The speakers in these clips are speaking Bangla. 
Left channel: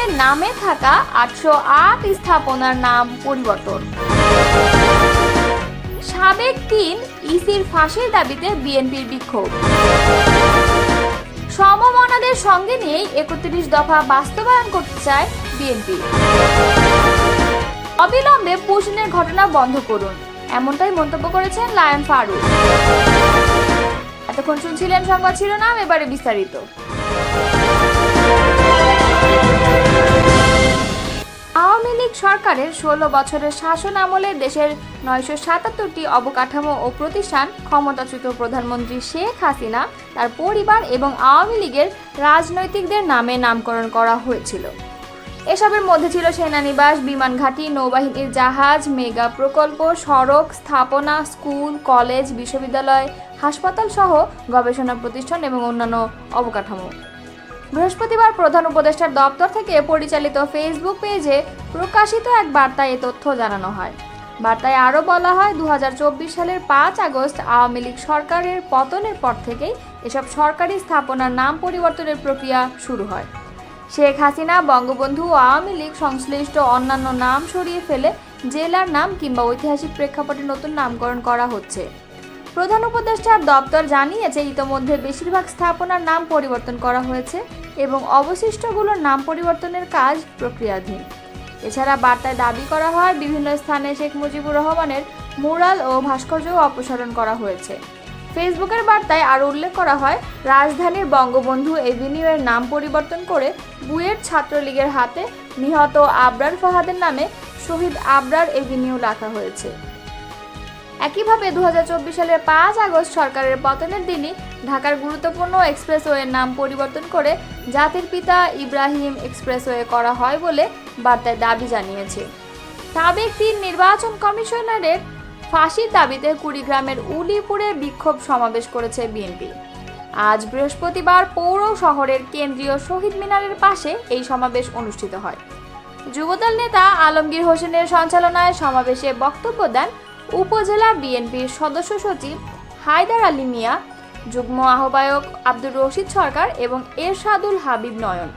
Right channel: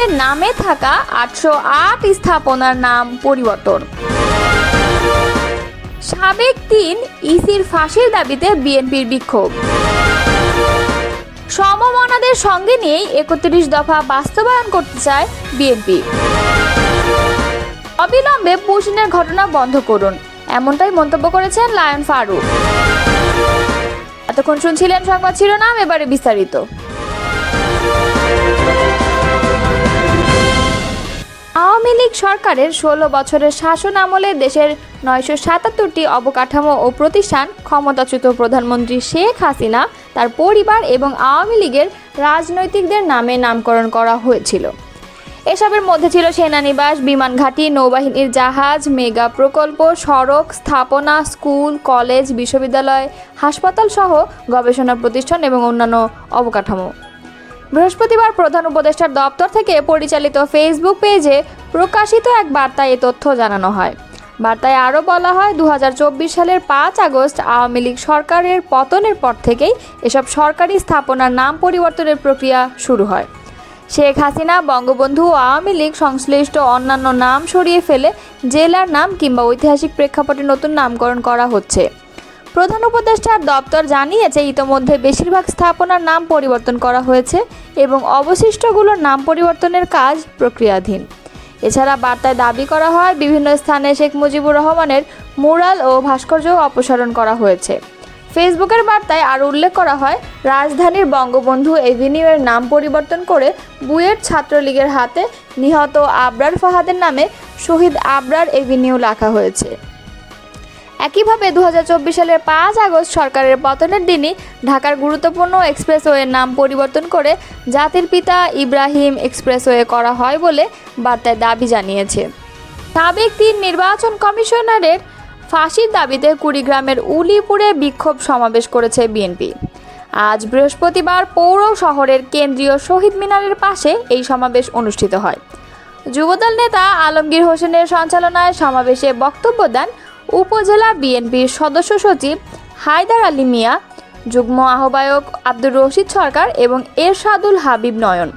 মিনারের নামে থাকা আটশো আট স্থাপনার নাম পরিবর্তন। সাবেক তিন ইসির ফাঁসির দাবিতে বিএনপির বিক্ষোভ। সমমনাদের সঙ্গে নিয়েই একত্রিশ দফা বাস্তবায়ন করতে চায় বিএনপি। অবিলম্বে পুশনের ঘটনা বন্ধ করুন, এমনটাই মন্তব্য করেছেন লায়ন ফারুক। এতক্ষণ শুনছিলেন সংবাদ শিরোনাম, এবারে বিস্তারিত। আওয়ামী লীগ সরকারের ষোলো বছরের শাসন আমলে দেশের নয়শো সাতাত্তরটি অবকাঠামো ও প্রতিষ্ঠান ক্ষমতাচ্যুত প্রধানমন্ত্রী শেখ হাসিনা, তার পরিবার এবং আওয়ামী লীগের রাজনৈতিকদের নামে নামকরণ করা হয়েছিল। এসবের মধ্যে ছিল সেনানিবাস, বিমান ঘাঁটি, নৌবাহিনীর জাহাজ, মেগা প্রকল্প, সড়ক স্থাপনা, স্কুল, কলেজ, বিশ্ববিদ্যালয়, হাসপাতাল সহ গবেষণা প্রতিষ্ঠান এবং অন্যান্য অবকাঠামো। বৃহস্পতিবার প্রধান উপদেষ্টার দপ্তর থেকে পরিচালিত ফেসবুক পেজে প্রকাশিত এক বার্তায় এ তথ্য জানানো হয়। বার্তায় আরও বলা হয় দু হাজার চব্বিশ সালের পাঁচ আগস্ট আওয়ামী লীগ সরকারের পতনের পর থেকেই এসব সরকারি স্থাপনার নাম পরিবর্তনের প্রক্রিয়া শুরু হয়। শেখ হাসিনা, বঙ্গবন্ধু ও আওয়ামী লীগ সংশ্লিষ্ট অন্যান্য নাম সরিয়ে ফেলে জেলার নাম কিংবা ঐতিহাসিক প্রেক্ষাপটে নতুন নামকরণ করা হচ্ছে। প্রধান উপদেষ্টার দপ্তর জানিয়েছে, ইতোমধ্যে বেশিরভাগ স্থাপনার নাম পরিবর্তন করা হয়েছে এবং অবশিষ্টগুলোর নাম পরিবর্তনের কাজ প্রক্রিয়াধীন। এছাড়া বার্তায় দাবি করা হয়, বিভিন্ন স্থানে শেখ মুজিবুর রহমানের মুরাল ও ভাস্কর্য অপসারণ করা হয়েছে। ফেসবুকের বার্তায় আরও উল্লেখ করা হয়, রাজধানীর বঙ্গবন্ধু এভিনিউয়ের নাম পরিবর্তন করে বুয়েট ছাত্রলীগের হাতে নিহত আবরার ফাহাদের নামে শহীদ আবরার এভিনিউ লেখা হয়েছে। একইভাবে দু হাজার চব্বিশ সালের পাঁচ আগস্ট সরকারের পতনের দিনই ঢাকার গুরুত্বপূর্ণ এক্সপ্রেসওয়ের নাম পরিবর্তন করে জাতির পিতা ইব্রাহিম এক্সপ্রেসওয়ে করা হয় বলে বার্তায় দাবি জানিয়েছে। সাবেক তিন নির্বাচন কমিশনারের ফাঁসির দাবিতে কুড়িগ্রামের উলিপুরে বিক্ষোভ সমাবেশ করেছে বিএনপি। আজ বৃহস্পতিবার পৌর শহরের কেন্দ্রীয় শহীদ মিনারের পাশে এই সমাবেশ অনুষ্ঠিত হয়। যুবদল নেতা আলমগীর হোসেনের সঞ্চালনায় সমাবেশে বক্তব্য দেন উপজেলা বিএনপির সদস্য সচিব হায়দার আলী মিয়া, যুগ্ম আহ্বায়ক আব্দুর রশিদ সরকার এবং এরশাদুল হাবিব নয়ন।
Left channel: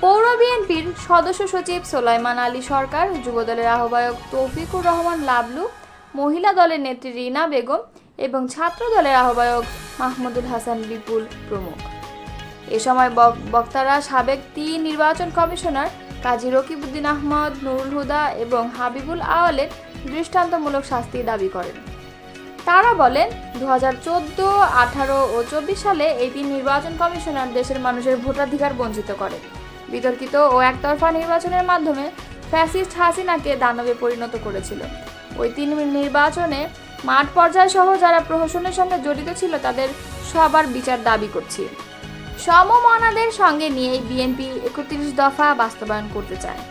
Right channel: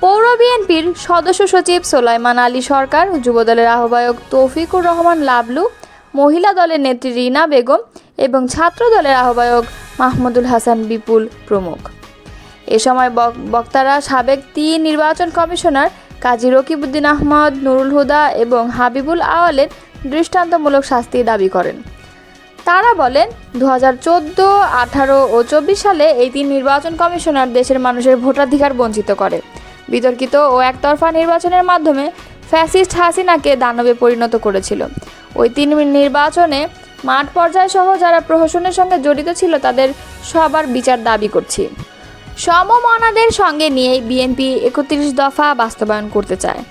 পৌর বিএনপির সদস্য সচিব সোলাইমান আলী সরকার, যুবদলের আহ্বায়ক তৌফিকুর রহমান লাবলু, মহিলা দলের নেত্রী রিনা বেগম এবং ছাত্র দলের আহ্বায়ক মাহমুদুল হাসান বিপুল প্রমুখ। এ সময় বক- বক্তারা সাবেক তিন নির্বাচন কমিশনার কাজী রকিবউদ্দিন আহমদ, নুরুল হুদা এবং হাবিবুল আওয়ালের দৃষ্টান্তমূলক শাস্তি দাবি করেন। তারা বলেন দু হাজার চোদ্দ, আঠারো ও চব্বিশ সালে এই তিন নির্বাচন কমিশনার দেশের মানুষের ভোটাধিকার বঞ্চিত করে। বিতর্কিত ও একতরফা নির্বাচনের মাধ্যমে ফ্যাসিস্ট হাসিনাকে দানবে পরিণত করেছিল। ওই তিন নির্বাচনে মাঠ পর্যায় সহ যারা প্রহসনের সঙ্গে জড়িত ছিল, তাদের সবার বিচার দাবি করছি। সমমনাদের সঙ্গে নিয়ে বিএনপি একত্রিশ দফা বাস্তবায়ন করতে চায়।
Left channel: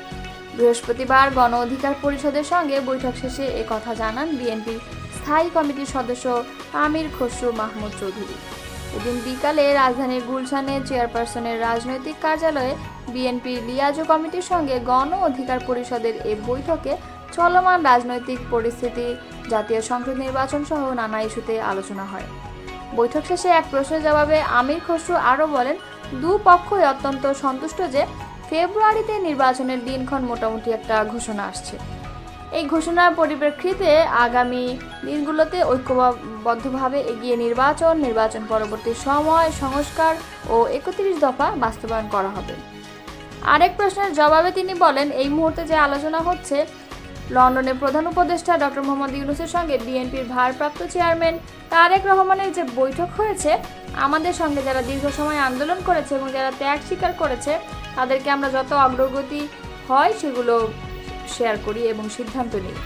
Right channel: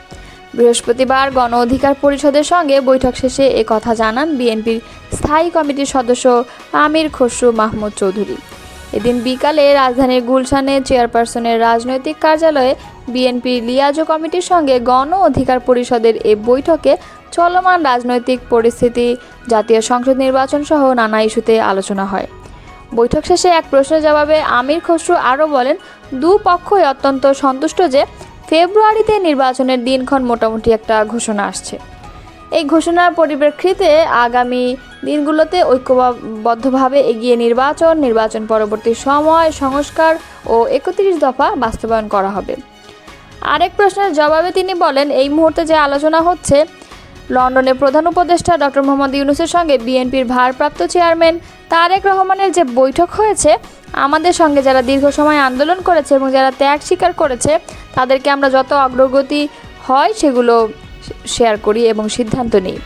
বৃহস্পতিবার গণ অধিকার পরিষদের সঙ্গে বৈঠক শেষে এ কথা জানান বিএনপির স্থায়ী কমিটির সদস্য আমির খসরু মাহমুদ চৌধুরী। এদিন বিকালে রাজধানীর গুলশানে চেয়ারপারসনের রাজনৈতিক কার্যালয়ে বিএনপির লিয়াজো কমিটির সঙ্গে গণ অধিকার পরিষদের এ বৈঠকে চলমান রাজনৈতিক পরিস্থিতি, জাতীয় সংসদ নির্বাচন সহ নানা ইস্যুতে আলোচনা হয়। বৈঠক শেষে এক প্রশ্নের জবাবে আমির খসরু আরও বলেন, দুপক্ষই অত্যন্ত সন্তুষ্ট যে ফেব্রুয়ারিতে নির্বাচনের দিনক্ষণ মোটামুটি একটা ঘোষণা আসছে। এই ঘোষণার পরিপ্রেক্ষিতে আগামী দিনগুলোতে ঐক্যবদ্ধভাবে এগিয়ে নির্বাচন নির্বাচন পরবর্তী সময়, সংস্কার ও একত্রিশ দফা বাস্তবায়ন করা হবে। আরেক প্রশ্নের জবাবে তিনি বলেন, এই মুহূর্তে যে আলোচনা হচ্ছে লন্ডনের প্রধান উপদেষ্টা ডক্টর মোহাম্মদ ইউনুসের সঙ্গে বিএনপির ভারপ্রাপ্ত চেয়ারম্যান তারেক রহমানের যে বৈঠক হয়েছে, আমাদের সঙ্গে যারা দীর্ঘ সময় আন্দোলন করেছে এবং যারা ত্যাগ স্বীকার করেছে, তাদেরকে আমরা যত অগ্রগতি হয় সেগুলো শেয়ার করি এবং সিদ্ধান্ত নিই।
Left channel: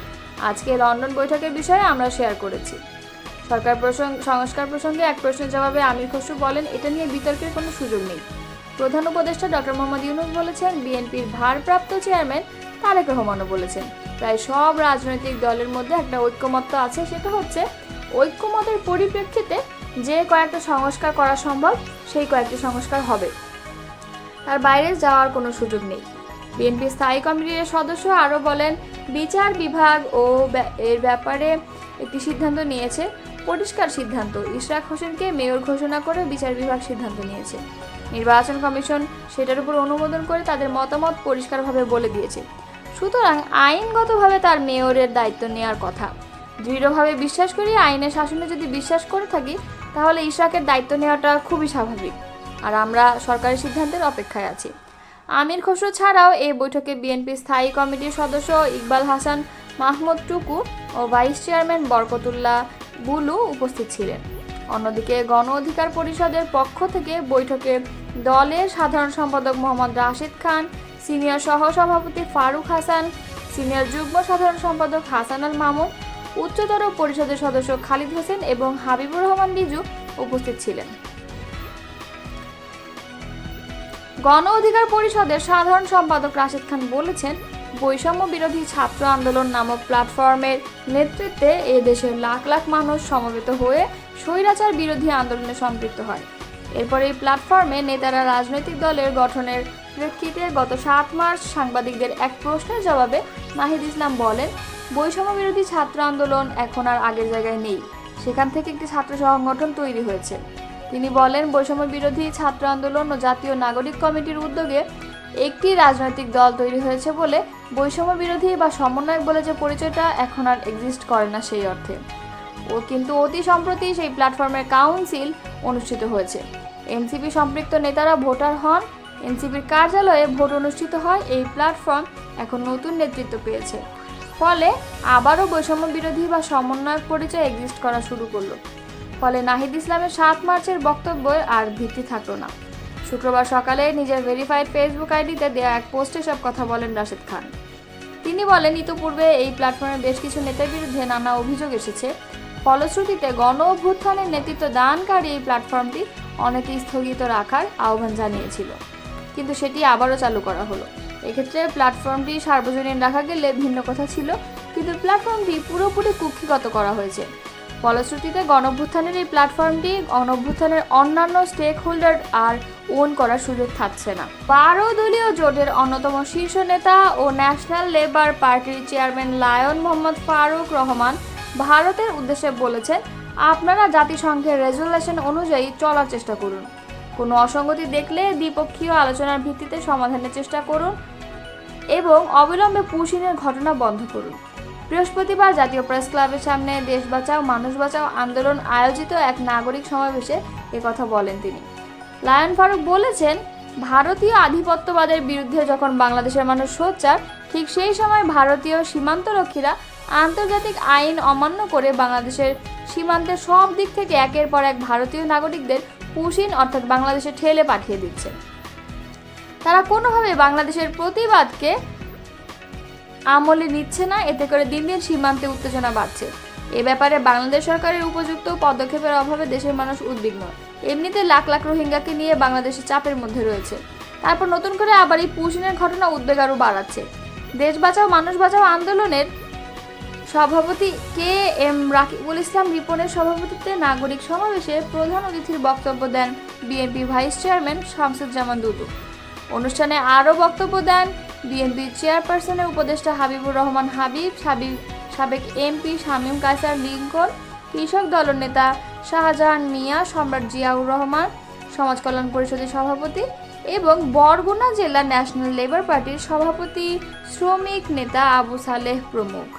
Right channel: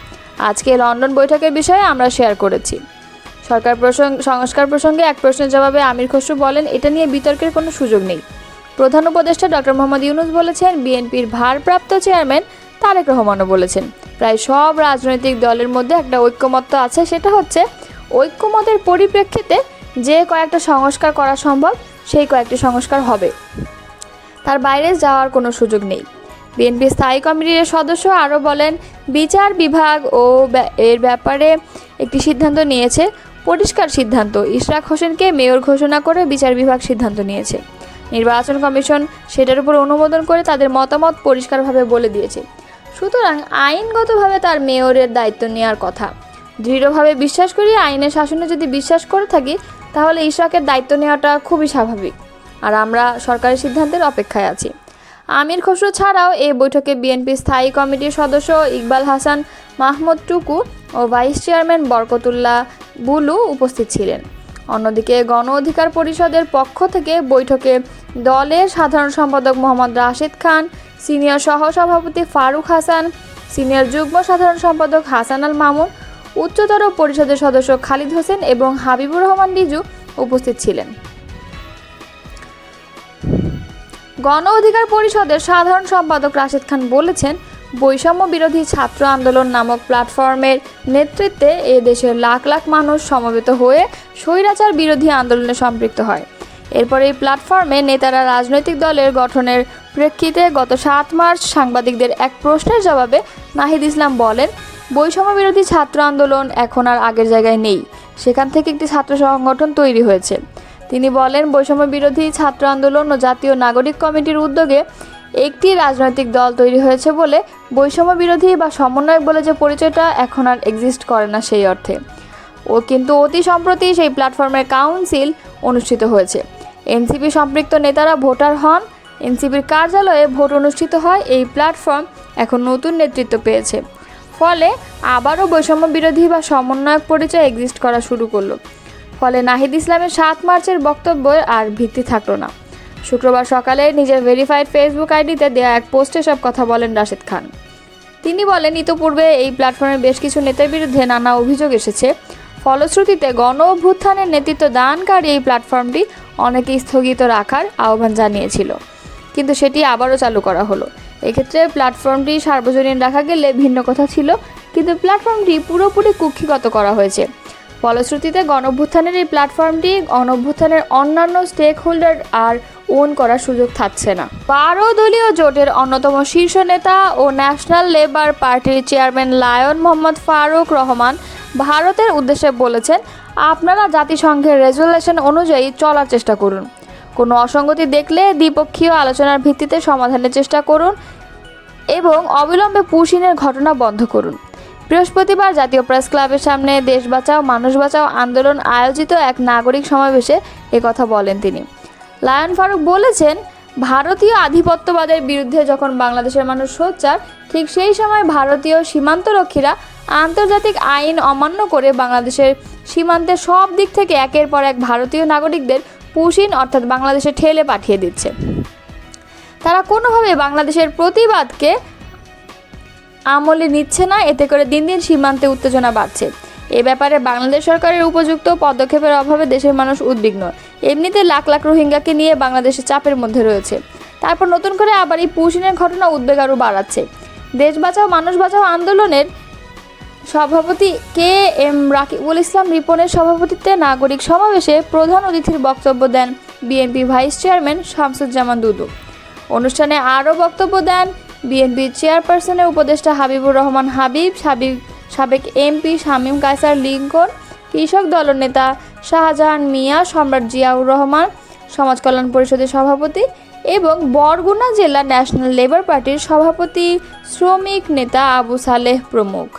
আজকে লন্ডন বৈঠকের বিষয়ে আমরা শেয়ার করেছি। সরকার প্রসঙ্গ সংস্কার প্রসঙ্গে এক প্রশ্নের জবাবে আমির খসরু বলেন, এটা নিয়ে বিতর্কের কোনো সুযোগ নেই। প্রধান উপদেষ্টা ডক্টর মোহাম্মদ ইউনুস বলেছেন, বিএনপির ভারপ্রাপ্ত চেয়ারম্যান তারেক রহমানও বলেছেন। প্রায় সব রাজনৈতিক দলের মধ্যে একটা ঐক্যমত্য আছে, সেটা হচ্ছে ঐক্যমতের পরিপ্রেক্ষিতে যে কয়েকটা সংস্কার করা সম্ভব, সেই কয়েকটি সংস্কার হবে। তার বাইরে যাওয়ার কোনো সুযোগ নেই। বিএনপি স্থায়ী কমিটির সদস্য আরও বলেন, বিচার বিভাগ ও এর ব্যাপারে একটি সিদ্ধান্ত নিয়েছে, পরিষ্কার সিদ্ধান্ত। ইশরাক হোসেনকে মেয়র ঘোষণা করে বিচার বিভাগ সিদ্ধান্ত নিয়েছে। নির্বাচন কমিশন সেটার উপর অনুমোদন করে তাদের মতামত পরিষ্কারভাবে বলে দিয়েছে। সুতরাং আইনগতভাবে তার মেয়রের দায়িত্ব নেওয়ার কথা। দৃঢ়ভাবে বিশ্বাস করি আইনের শাসনে যদি বিশ্বাস করে থাকি, তাহলে ইশরাকের দায়িত্ব নেওয়াটা খুবই স্বাভাবিক। আর আমরা সরকারের সিদ্ধান্তের অপেক্ষায় আছি। আমির খসরু ছাড়াও এই বৈঠকে বিএনপি স্থায়ী কমিটির সদস্য ইকবাল হাসান, মাহমুদ টুকু ও ভাইস চেয়ারম্যান বরকতুল্লাহ বুলু উপস্থিত ছিলেন। অন্যদিকে গণ অধিকার পরিষদের পক্ষ থেকে বৈঠকে দলের সাধারণ সম্পাদক মোহাম্মদ রাশেদ খান সিনিয়র সহসভাপতি ফারুক হাসান, সিনিয়র যুগ্ম সাধারণ সম্পাদক হাসান আল মামুন, উচ্চতর পরিষদের সদস্য খালিদ হোসেন এবং হাবিবুর রহমান রিজু উপস্থিত ছিলেন। গণ অধিকার পরিষদের সাধারণ সম্পাদক রাশেদ খান বলেছেন, বৈষম্য বিরোধী ছাত্র আন্দোলন নামক প্ল্যাটফর্মের নেতৃত্বে এ দেশের লাখ লাখ মানুষ সমবেত হয়ে স্বৈরাচার বিরোধী আন্দোলনে সম্পৃক্ত হয়। এরপর এই প্ল্যাটফর্মে নেতারা রাজনৈতিক দলের গঠনের প্রেক্ষিতে গত সাত মার্চ সাংবাদিকদের এক প্রশ্নের জবাবে নাহিদ ইসলাম বলেন, বৈষম্য বিরোধী ছাত্র আন্দোলন এখন আর আগের জায়গায় নেই। সেখান থেকে একটি ছাত্র সংগঠন তৈরি হয়েছে। তিনি বলেন, বৈষম্য বিরোধী ছাত্র আন্দোলন ও জাতীয় নাগরিক কমিটির উদ্যোগে একটি রাজনৈতিক দল তৈরি হয়েছে বলে বৈষম্য বিরোধী বা সমন্বয়ক বলে যে পরিচয়টা এখন আর এক্সিস্ট করে না সেই অর্থে। ও কিন্তু অতি সম্প্রতি সেই প্ল্যাটফর্মের কাউন্সিল অনুষ্ঠিত হয়েছে। এনসিপি সম্পৃক্ত নেতারা ভোটার হন এনসিপির কার্যালয়ে ভোট অনুষ্ঠিত হয় এই প্ল্যাটফর্ম এখন নতুন নেতৃত্ব পেয়েছে। ফলে আবারও বৈষম্য বিরোধী বা সমন্বয়ক পরিচয় এক্সিস্ট করা শুরু করল। ফলে নাহিদ ইসলামের সাত মার্চের বক্তব্য আর ভিত্তি থাকল না। শুক্রবার সকালে নিজের ভেরিফাইড ফেসবুক আইডিতে দেয়া এক পোস্টে সব কথা বলেন রাশেদ খান। তিনি বলেন, ইতোপূর্বে এই প্ল্যাটফর্মের বেশ কিছু নেতার বিরুদ্ধে নানা অভিযোগ এসেছে। ফলশ্রুতিতে গণ অভ্যুত্থানের নেতৃত্ব দানকারী এই প্ল্যাটফর্মটি অনেকে স্থগিত রাখার আহ্বান জানিয়েছিল। কিন্তু সেটি আবারও চালু করা হলো। এক্ষেত্রে প্ল্যাটফর্মটি সার্বজনীন রাখা গেলে ভিন্ন কথা ছিল, কিন্তু প্ল্যাটফর্মটি পুরোপুরি কুক্ষিগত করা হয়েছে। ফলশ্রুতিতে গণঅভ্যুত্থানের এই প্ল্যাটফর্মটি গণঅভ্যুত্থানের অন্যান্য স্টেক হোল্ডার আর ওন করার সুযোগ থাকছে না। বারো দলীয় জোটের অন্যতম শীর্ষ নেতা ও ন্যাশনাল লেবার পার্টির চেয়ারম্যান লায়ন মোহাম্মদ ফারুক রহমান ভারতের উদ্দেশ্যে বলেছেন, আপনারা জাতিসংঘের রেজুলেশন অনুযায়ী চলার চেষ্টা করুন। কোনো অসঙ্গতি দেখলে দ্বিপক্ষীয় আলোচনার ভিত্তিতে সমাধানের চেষ্টা করুন এবং অবিলম্বে পুশিনের ঘটনা বন্ধ করুন। বৃহস্পতিবার জাতীয় প্রেস ক্লাবের সামনে দেশ বাঁচাও, মানুষ বাঁচাও আন্দোলন আয়োজিত এক নাগরিক সমাবেশে একথা বলেন তিনি। লায়ন ফারুক বলেছেন, ভারতীয় আধিপত্যবাদের বিরুদ্ধে যখন বাংলাদেশের মানুষ সোচ্চার, ঠিক সেই সময় ভারতীয় সীমান্তরক্ষীরা আন্তর্জাতিক আইন অমান্য করে বাংলাদেশের সীমান্তে সব দিক থেকে একের পর এক ভারতীয় নাগরিকদের পুশিন অর্থাৎ বাংলাদেশে ঠেলে পাঠিয়ে দিচ্ছে। তারা কোনোভাবে বাংলাদেশের প্রতিবাদকে আমলে নিচ্ছে না, এতে করে দিন দিন সীমান্তে উত্তেজনা বাড়ছে। এ ব্যাপারে বাংলাদেশ সরকারের উপযুক্ত পদক্ষেপের অভাবে দেশের মানুষ উদ্বিগ্ন। এমনিতে লাখ লাখ রোহিঙ্গাকে নিয়ে বাংলাদেশে চাপের মধ্যে রয়েছে। তারপর নতুন করে আবার এই পুশিনের ঘটনা উদ্বেগ আরও বাড়াচ্ছে। দেশ বাঁচাও, মানুষ বাঁচাও আন্দোলনের সভাপতি কে এম রাকিবুল ইসলাম রিপনের সভাপতিত্বে নাগরিক সমাবেশে প্রধান অতিথির বক্তব্য দেন BNP vice chairman Shamsuzzaman Dudu. অনুষ্ঠানে আরও বক্তব্য দেন বিএনপি চেয়ারপারসনের উপদেষ্টা হাবিবুর রহমান হাবিব, সাবিব, সাবেক এমপি শামীম কায়সার লিঙ্কন, কৃষক দলনেতা শাহজাহান মিয়া, সম্রাট জিয়াউর রহমান, সমাজ কল্যাণ পরিষদের সভাপতি এবং বরগুনা জেলা ন্যাশনাল লেবার পার্টির সভাপতি শ্রমিক নেতা আবু সালেহ প্রমুখ।